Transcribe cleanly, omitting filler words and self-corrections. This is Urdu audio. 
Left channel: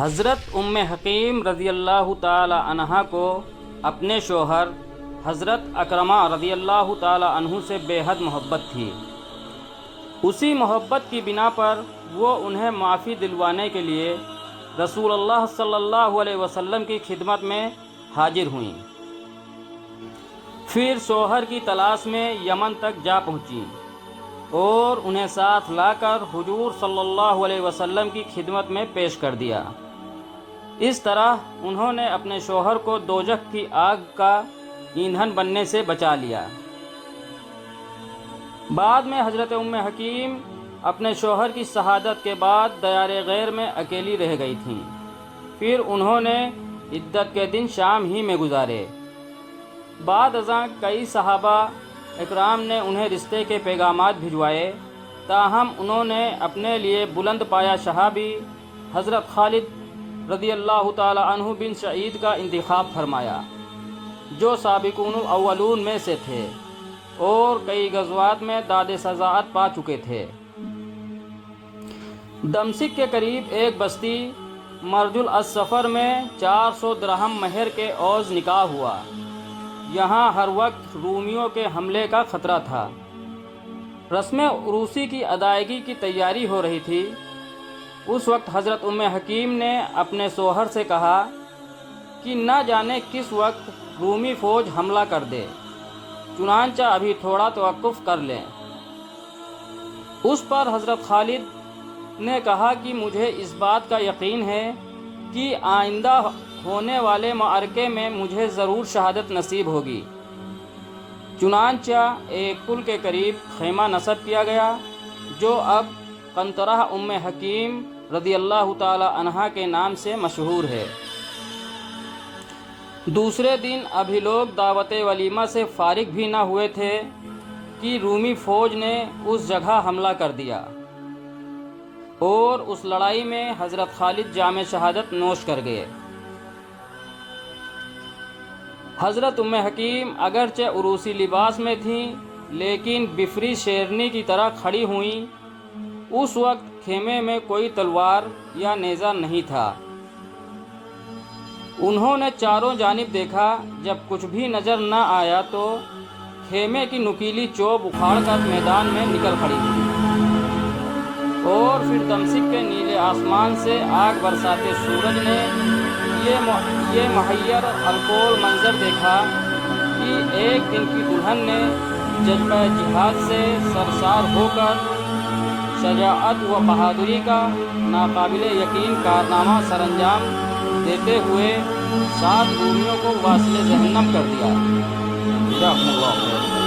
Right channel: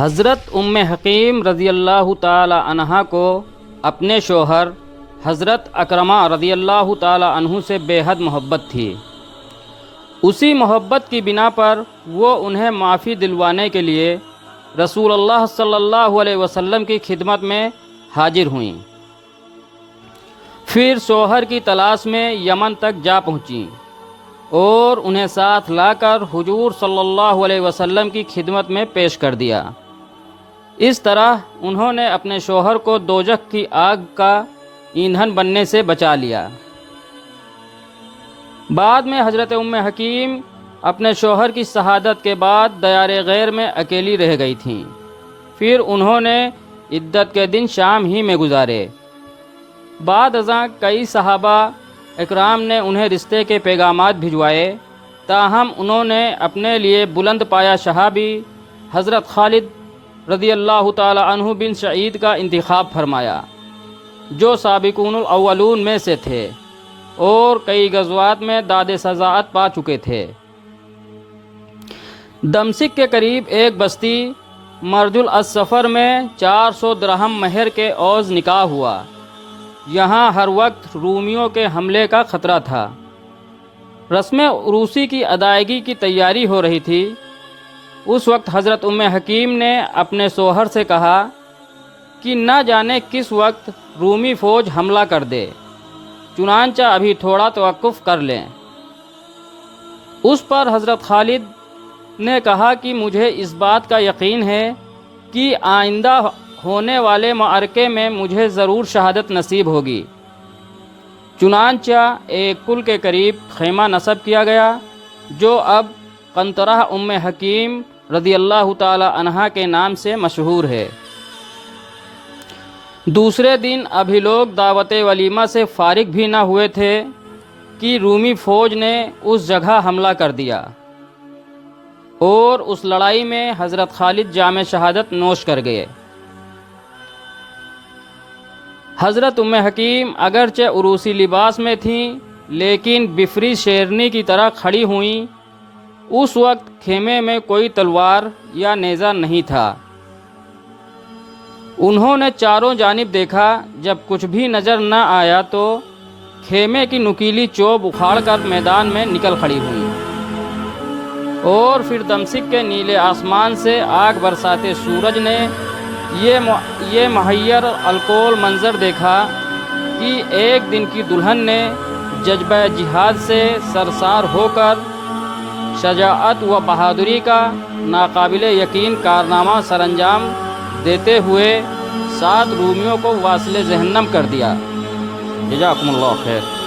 حضرت ام حکیم رضی اللہ تعالی عنہا کو اپنے شوہر حضرت اکرمہ رضی اللہ تعالی عنہ سے بے حد محبت تھی۔ اسی محبت کی بنا پر وہ انہیں معافی دلوانے کے لیے رسول اللہ صلی اللہ علیہ وسلم کی خدمت میں حاضر ہوئیں۔ پھر شوہر کی تلاش میں یمن تک جا پہنچیں اور انہیں ساتھ لا کر حضور صلی اللہ علیہ وسلم کی خدمت میں پیش کر دیا۔ اس طرح انہوں نے اپنے شوہر کو دوزخ کی آگ کا ایندھن بننے سے بچا لیا۔ بعد میں حضرت ام حکیم اپنے شوہر کی شہادت کے بعد دیار غیر میں اکیلی رہ گئی تھیں۔ پھر انہوں نے عدت کے دن شام ہی میں گزارے۔ بعد ازاں کئی صحابہ اکرام نے انہیں رشتے کے پیغامات بھجوائے، تاہم انہوں نے اپنے لیے بلند پایا صحابی حضرت خالد رضی اللہ تعالی عنہ بن سعید کا انتخاب فرمایا، جو سابقون الاولون میں سے تھے اور کئی غزوات میں داد سزاعت پا چکے تھے۔ دمشق کے قریب ایک بستی مرج الاسفر میں 400 درہم مہر کے عوض نکاح ہوا۔ یہاں ہر وقت رومیوں کے حملے کا خطرہ تھا۔ رسم عروسی کی ادائیگی کی تیاری ہو رہی تھی۔ اس وقت حضرت ام حکیم نے اپنے شوہر سے کہا کہ نہ جانے کس وقت رومی فوج حملہ کر دے، چنانچہ ابھی تھوڑا توقف کر لیں۔ اس پر حضرت خالد نے کہا کہ مجھے اس بات کا یقین ہے کہ آئندہ ہونے والے معرکے میں مجھے ضرور شہادت نصیب ہوگی۔ چنانچہ ایک پل کے قریب خیمہ نصب کیا گیا، جو اب قنطرہ ام حکیم رضی اللہ تعالی عنہا کے نام سے مشہور ہے۔ دوسرے دن ابھی لوگ دعوت ولیمہ سے فارغ بھی نہ ہوئے تھے کہ رومی فوج نے اس جگہ حملہ کر دیا اور اس لڑائی میں حضرت خالد جام شہادت نوش کر گئے۔ حضرت ام حکیم اگرچہ عروسی لباس میں تھیں، لیکن بفری شیرنی کی طرح کھڑی ہوئیں۔ اس وقت خیمے میں کوئی تلوار یا نیزہ نہیں تھا۔ انہوں نے چاروں جانب دیکھا، جب کچھ بھی نظر نہ آیا تو خیمے کی نکیلی چوب اکھاڑ کر میدان میں نکل کھڑی ہوئی، اور پھر دمشق کے نیلے آسمان سے آگ برساتے سورج نے یہ محیر الکول منظر دیکھا کہ ایک دن کی دلہن نے جذبہ جہاد سے سرشار ہو کر شجاعت و بہادری کا ناقابل یقین کارنامہ سر انجام دیتے ہوئے 7 رومیوں کو واصل جہنم کر دیا۔ جزاکم اللہ خیر۔